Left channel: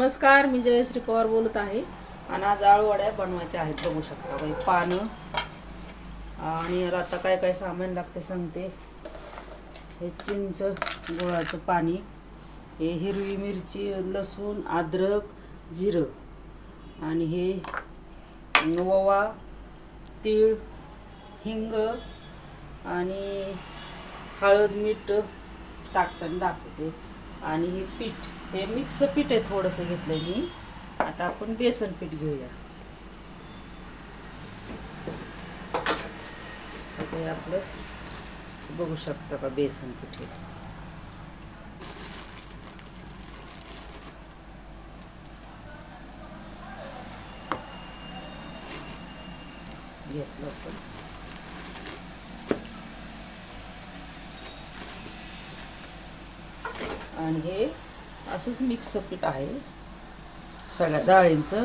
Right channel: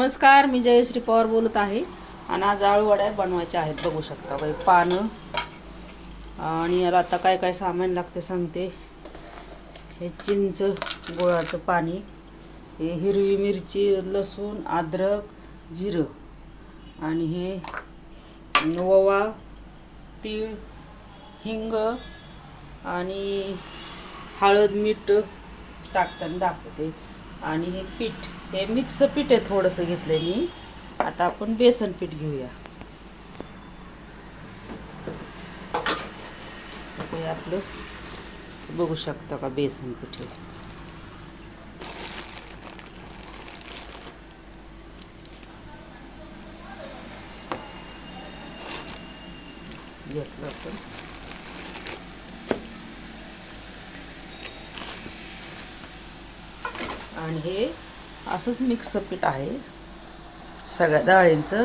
नमस्कार, मी जयश्री पवार बोलत आहे. आणि आज आळूवड्या बनवायच्या आहेत. बघू शकता बाई पानं. आणि याला आता काय काय सामान लागते सांगते. हे चिंच गुळाचं पाणी, हे हिरवी मिरची, लसूण, अद्रक, जिरं, आणि हे ओवा, तीळ, हिंग आणि हळद मीठ टाकताना दाखवते. आणि हे पीठ, हे मिक्स पीठ आहे, थोडंसं घेतलंय मी. आता आपण बेसन पीठ घेऊया. हे आपलं बघू शकता का बेसन पीठ आहे. घेतलं आपण. आणि हे असंच मिक्स पीठ आहे सगळ्या डाळींचं,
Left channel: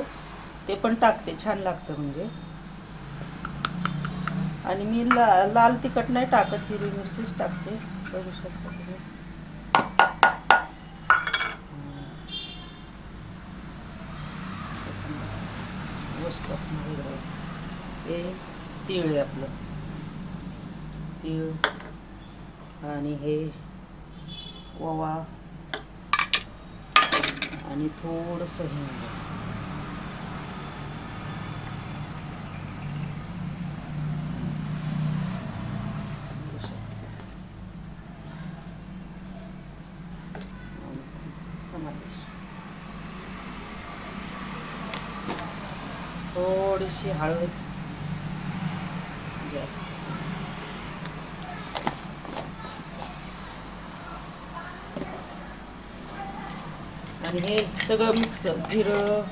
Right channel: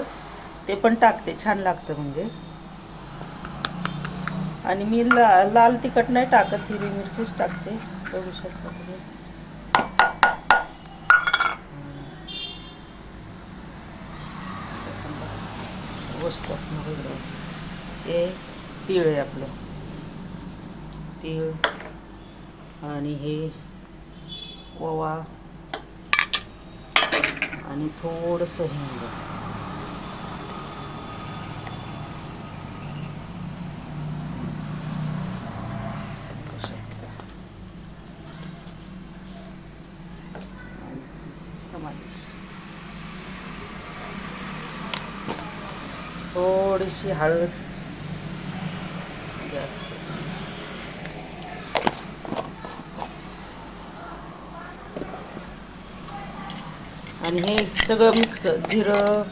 ते पण टाकते, छान लागतं म्हणजे. आणि मी लाल तिखट नाही टाकत, हिरवी मिरचीच टाकते. बघू शकता तुम्ही. हे तीळ आहे आपलं, तीळ, आणि हे ओवा, आणि थोडंसं हिंग. थोडीशी हळद जास्त. आणि हे सगळं मिक्स, जिरं,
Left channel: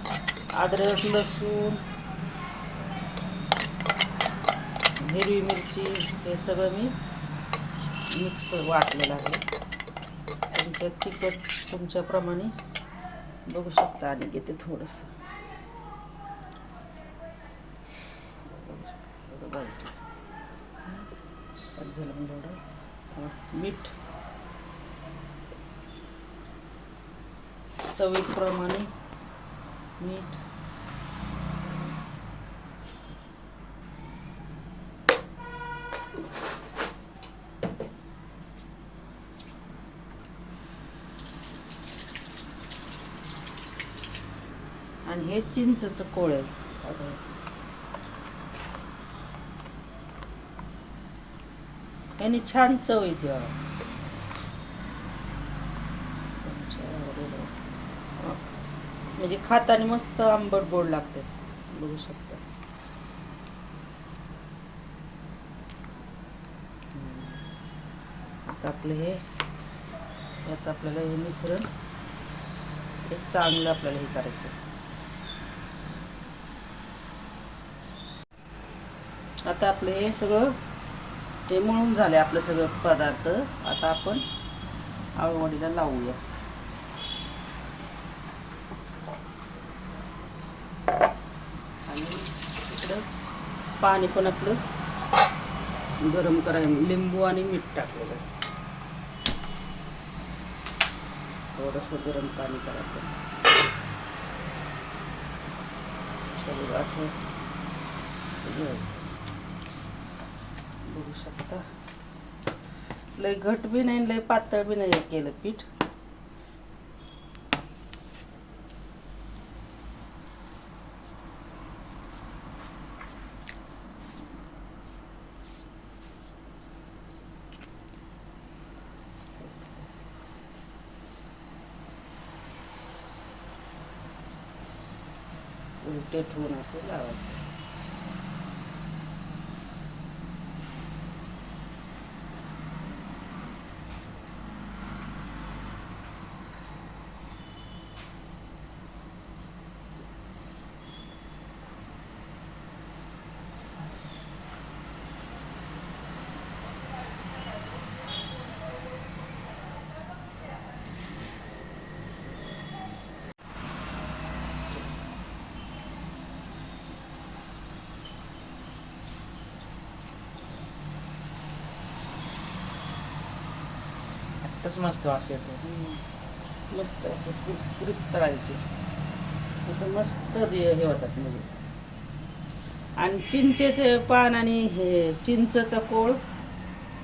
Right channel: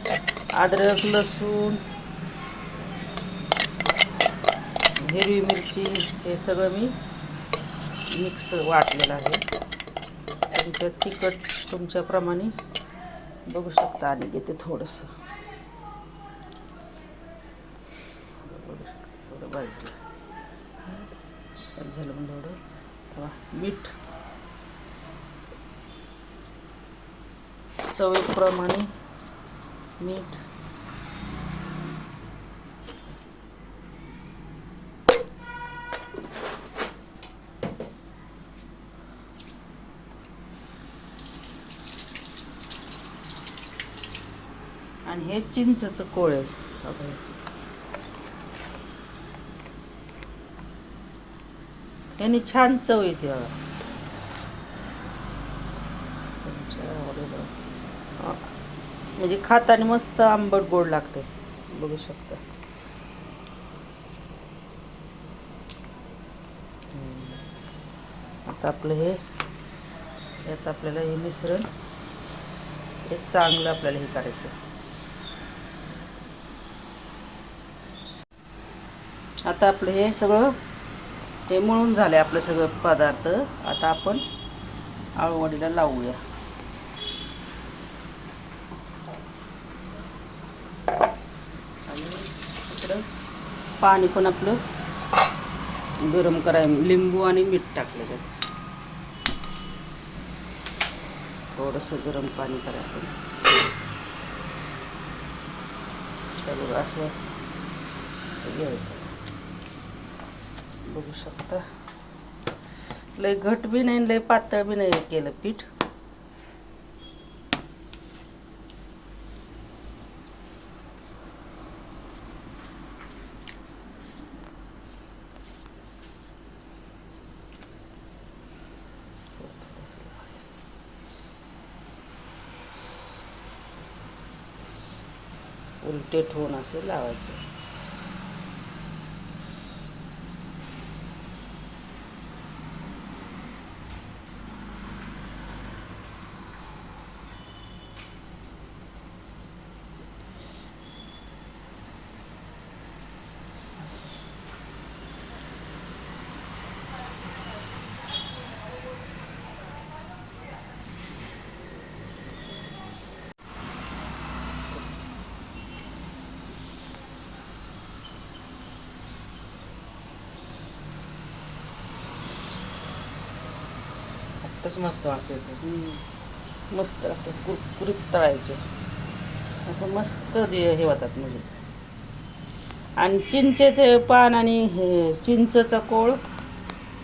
अद्रक, लसूण, हिरवी मिरची, हे सगळं मी मिक्स वाटलेलं आहे. तुमच्या तिखट तुमच्याप्रमाणे बघू शकता. आणि घेते थोडंसं, बघू शकता थोडं भाजलं झालं म्हणजे एवढं. मीठ चवीप्रमाणे मीठ. आणि हे चिंचचं कोळ आहे. याने छान चव येते. म्हणजे खाताना मस्त आंबट गोड लागते. बघू शकता. आता आपलं हे, यात आपल्याला हे मिश्रण हे चांगलं आपल्याला हे करायचं. आता आपलं हे सगळं हे मळून झालं आपलं सगळं पदार्थ. आता आपण आळूवडीला लावूया. आणि इकडं पाणी पण आपलं गरम करायला, लिंबू आणि मीठ टाकले जातं. थोडंसं गरम पाणी करायचं. असं घ्यायचं. बघू शकता. लय घट बी नाही, लय पातळ बी नाही केलं पीठ. उलटे ठेवून असं लावायचं. तसं मस्त वास येतो. मस्त कुरकुरीत तळायचे. असं मस्त हे होतात म्हणजे. आणि चिंचेचे पान आणि चिंचचा कोळ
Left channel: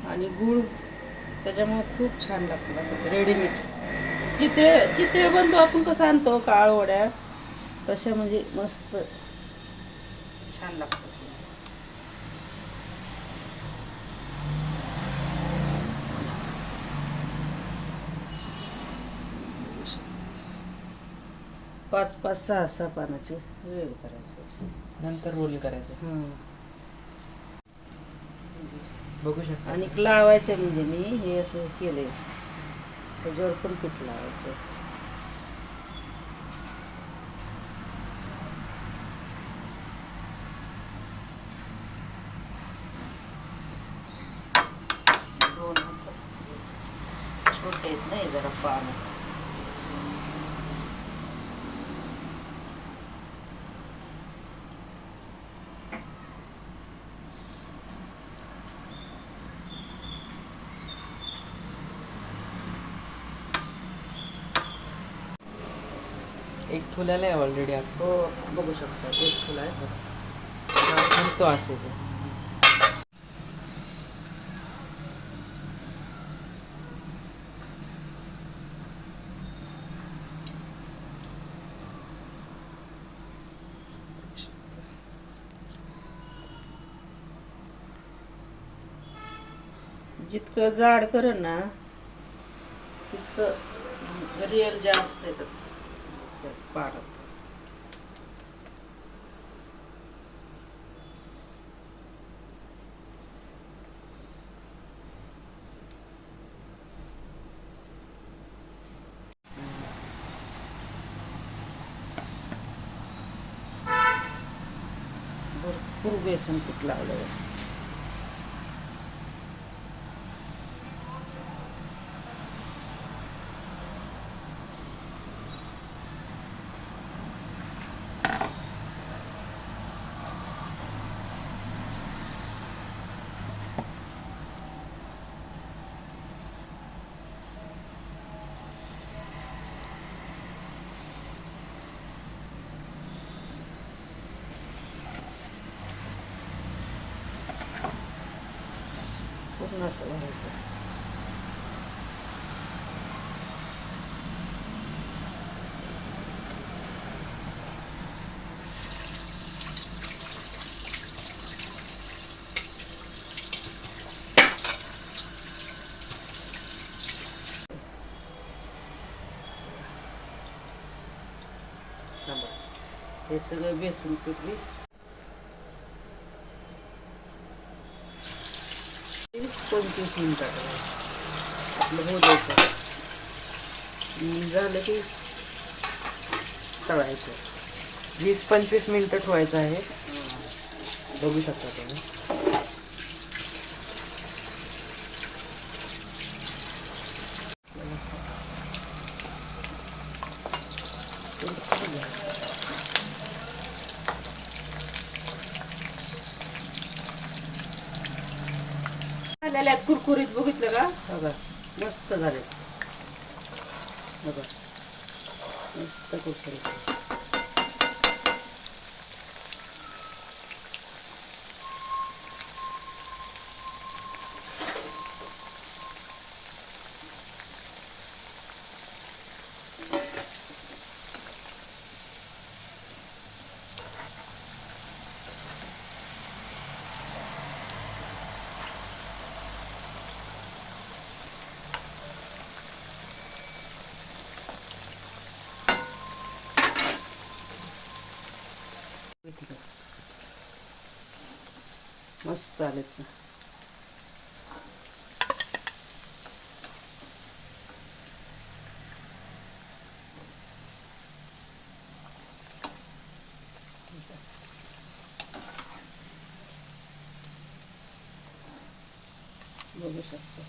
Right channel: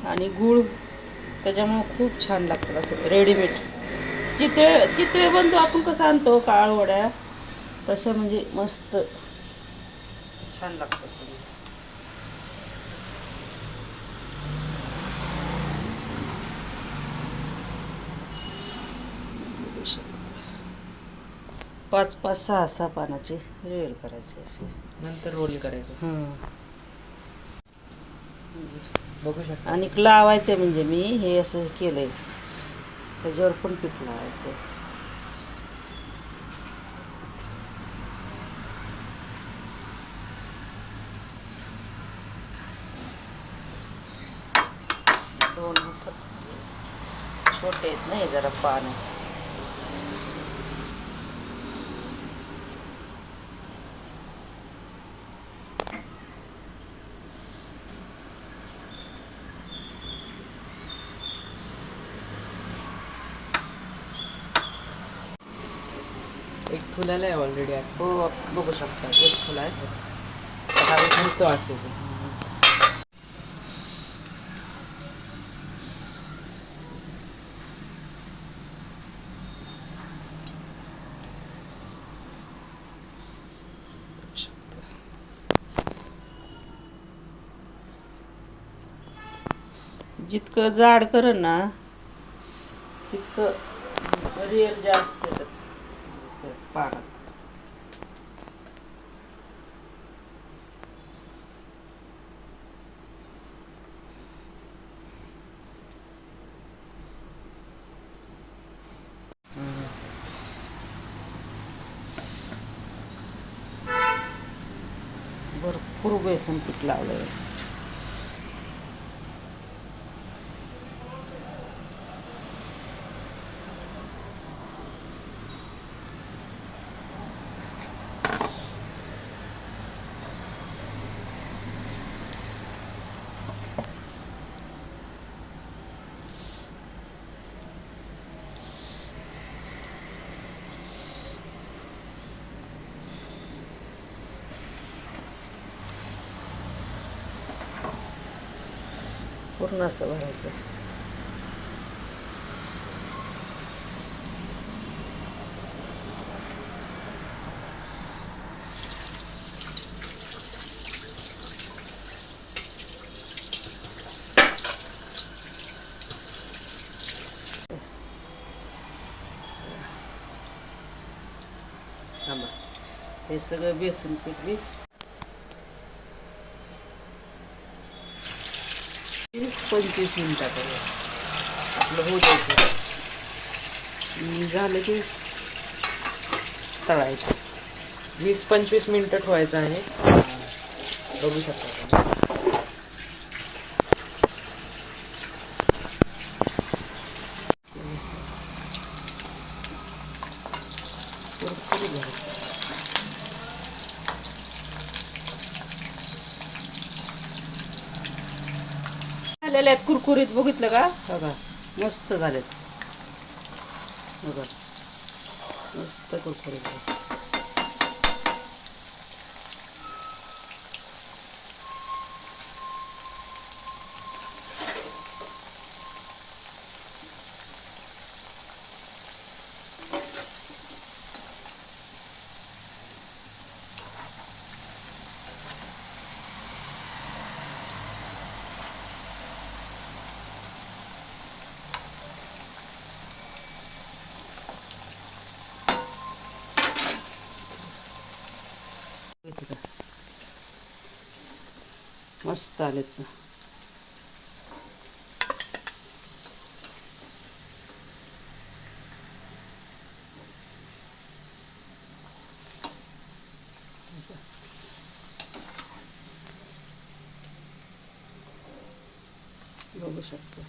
आणि गूळ त्याच्यामुळं खूप छान लागतं. असं रेडीमेड चितळे बनतो आपण कसं आणतो काळवड्या, तशा म्हणजे मस्त छान लागतात. पाच पाच सहा सहा पानाचे वेळ करायचे असे, नंतर रोल करायचे. बघू शकता. आणि लावायचे म्हणजे मी हे असं केलंय, त्याच्यावर पण पीठ लावायचं. छोटे आहेत नाही जरा पानं. एक फुलाला आहे ऑलरेडी. हो बघू शकता, एक फुल आहे. मस्त वास येतो. जितकं जाड कर ना तितकं रिअल जास्त येतं पानात. भरपूर बेसन पीठ लावलंय. पूर्ण असं भरायचं. हे सगळं बेसन पीठ बी 20-25 मिनिटात आपलं होऊ द्यायचं. झालं की तळायचं. 20-25 मिनिटं ठेवायचं आहे. बघू शकता तुम्ही. झालेल्या आहेत कुरकुरीत, बघितलं का? बघा मस्त झाले बघा, मस्त कुरकुरीत. मस्त आलेत ना. बघू शकतो.